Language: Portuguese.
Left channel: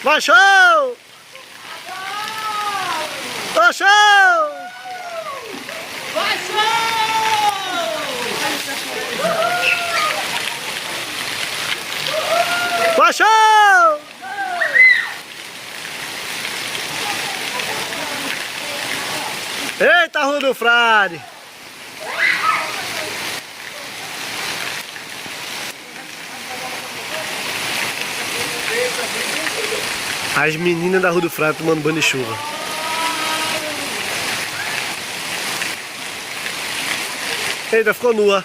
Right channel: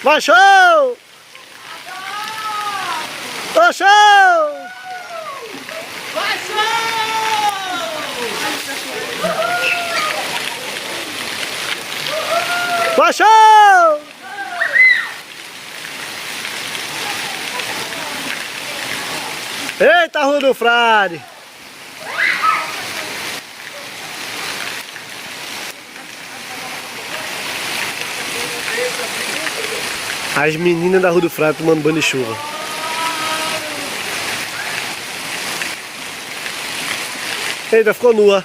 Vai, show! Ô, show! Vai, show! Vai, show! Eita, Rua do Frade! As meninas da Rua do Frade tomando banho de chuva. Eita, ficou nua.